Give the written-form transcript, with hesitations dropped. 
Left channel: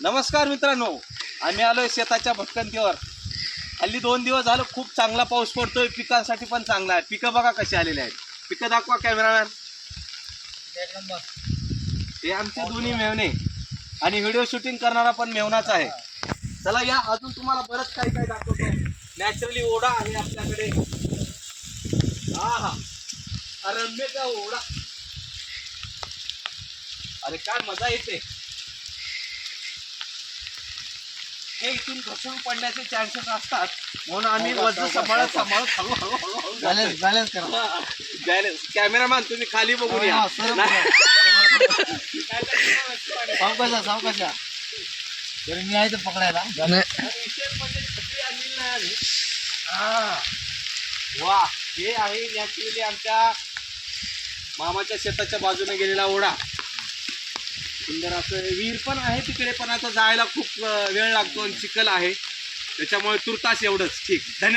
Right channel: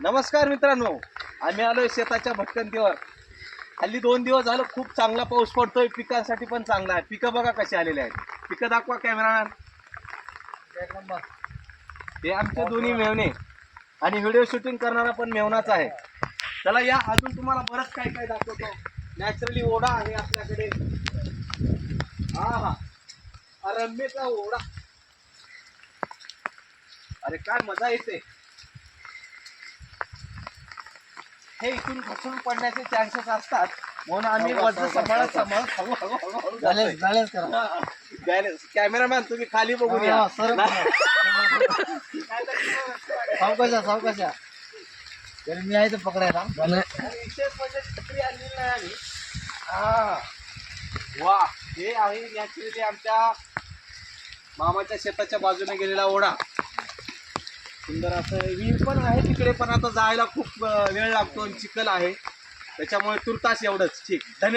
नमस्कार मित्रांनो, आम्ही आलोय शेताच्या भटकंतीवर. हल्ली 2 दिवस झालं खूप चांगला पाऊस पडतोय, पिकांसाठी पण चांगला आहे. पिकं बघा कशी आलेली आहेत. पिकं दाखवा कॅमेरामॅन. एक नंबर. ते आमचे दोन्ही मेवणे आणि व्हिडिओ शूटिंग करणारा पण मेवनाच आहे. चला या, अजून तुम्हाला बरंच काही काही दाखवतो. नॅचरली ओढा आहे आपल्याकडे. हा रम्यचा ओढा. अरे काय मजा येते. हे इथून घसरून पडण्याचे चान्सेस असतात, म्हणून आम्ही वजन सांभाळत हळूहळू बॅलन्स करा. बॅलन्स. कॅमेरामॅन तुम्ही खाली बघून या. सावकाशा तरी मी आहे तर पकडायला. विशेष म्हणजे छत्री आणली नाही आम्ही. वा, हे आहे नॅचरली आमच्या मामाच्या शेताच्या बाजूने गेलेला ओढा. सुंदर असं विहीर पण आहे तिकडे, पण आता जायला खूप वेळ लागतो आणि चिखल आहे, त्याच्यामुळे तुर्तास एवढंच. ठीक, धन्यवाद.